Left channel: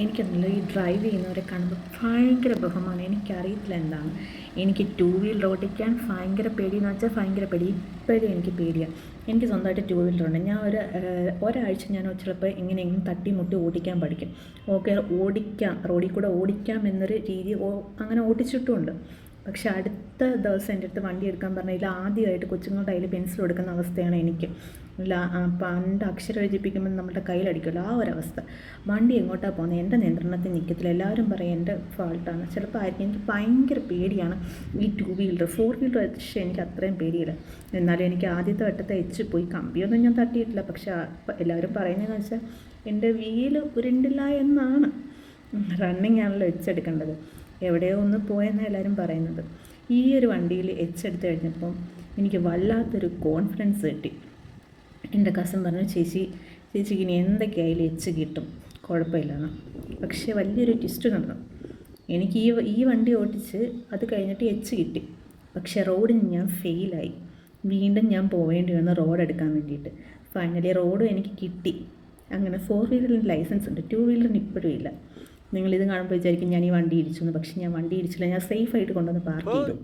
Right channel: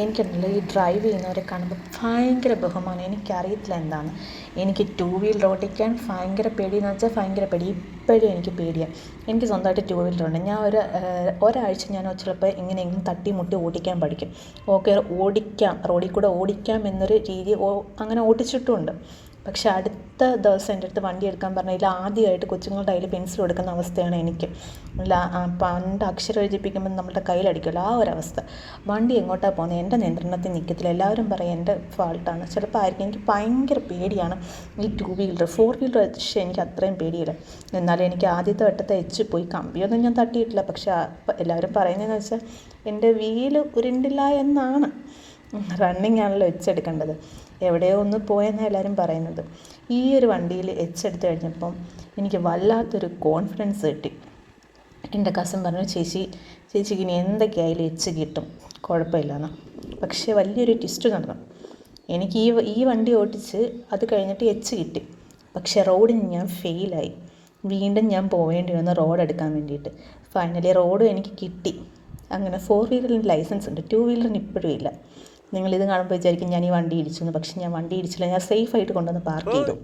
എനിക്കുണ്ടല്ലോ ഈ ഡ്രൈവ് ചെയ്യുന്നവരെ കാണുമ്പോൾ ഭയങ്കര ബഹുമാനം. എനിക്കറിയത്തില്ല എന്താണ്. എനിക്ക് ടൂ വീലർ ഓടിക്കാൻ ഭയങ്കര പേടിയെന്ന് വെച്ചാൽ ഭയങ്കര പേടി. ഇപ്പോഴും എനിക്ക് പേടിയാണ്. എനിക്ക് സ്വന്തമായിട്ട് ടൂ വീലറുണ്ട്. ഞാൻ ഒരാഴ്ച ഞാൻ ചിലപ്പോൾ എങ്ങനെയെങ്കിലും തട്ടിമുട്ടി ഓടിക്കാൻ പഠിക്കും. ഓക്കെ, ഓടിക്കാം, റോഡിൽ കൂടെ ഓടിക്കാം എന്നൊരു രീതി അങ്ങനെ ഓടിച്ചിട്ടുമുണ്ട്. പക്ഷെ അടുത്ത ദിവസം എൻ്റെ അടുത്ത് വണ്ടി എടുക്കാൻ പറഞ്ഞാൽ ആദ്യമായിട്ട് കൊച്ചുങ്ങളുടെ കയ്യിൽ പെൻസിൽ കൊടുക്കുന്ന അവസ്ഥയാണ് എനിക്ക്. പണ്ട് അക്ഷരം എഴുതിപ്പിക്കുമ്പോൾ നമ്മുടെ കയ്യിലടിക്കുമല്ലോ, ആ ഒരവസ്ഥ. വണ്ടി എങ്ങോട്ടാണ് പോകുന്നത്, എൻ്റെ നിയന്ത്രണത്തിൽ നിൽക്കത്തില്ല. എല്ലാവരും പറയും എൻ്റെ ഫാൾട്ടാണ്. ചിലപ്പോൾ ആയിരിക്കും. എനിക്ക് ഭയങ്കര പേടിയാണ് ഈ ടൂ വീലർ. ഫോർ വീലർ പക്ഷേ എനിക്ക് അത്രയും പേടിയില്ല. എന്നാലും എനിക്ക് ആദ്യത്തെ വട്ടത്തെ പോയി. കമ്പിയൊന്നും ഞാൻ തട്ടിയിട്ടില്ല. പക്ഷേ എല്ലാവരും പറയുന്നതെന്ന് വെച്ചാൽ എൻ്റെ വീല് ഉരുണ്ടില്ല എന്നാണ്. റണ്ണിങ് ആണല്ലോ എടുക്കേണ്ടത്. എവിടെയോ ഒന്ന് പോയെന്നാണ് എല്ലാവരും പറയുന്നത്. ഈ ഒരു വണ്ടിയിൽ എടുത്ത് കഴിഞ്ഞപ്പം എനിക്ക് വല്ലാത്തൊരു കോൺഫിഡൻസ് കിട്ടി. എൻ്റെ കസിൻ പറഞ്ഞു, ചേച്ചിക്ക് ഇനി എന്തൊക്കെയായാലും കിട്ടും, കുഴപ്പമില്ലെന്ന്. പക്ഷേ വലിയൊരു ട്വിസ്റ്റ് നടന്നു. എനിക്ക് ഈ വണ്ടി ഓടിച്ച് അത് കഴിഞ്ഞിട്ട് കിട്ടി. പക്ഷേ റോഡിന് ഞാൻ ഫെയിലായി. വീണ്ടും ഞാൻ പോവേണ്ടി വന്നു റോഡ് എടുക്കാൻ വേണ്ടിയിട്ട്. ഫൈനലി റോഡും എനിക്ക് കിട്ടി. അങ്ങനെ ഫോർ വീലറിന് ലൈസൻസ് ഉണ്ട്, ടൂ വീലറിന് ഇപ്പോഴും ഇല്ല. നിങ്ങളിത് കാണുമ്പോൾ വിചാരിക്കും ഞാൻ ഈ വണ്ടി ഇടിച്ചു എന്ന്. പക്ഷേ ഞാൻ വണ്ടി ഇടിച്ചില്ല. ഞാൻ സേഫായിട്ട് കൊണ്ടുവന്ന് പാർക്ക് ചെയ്തു.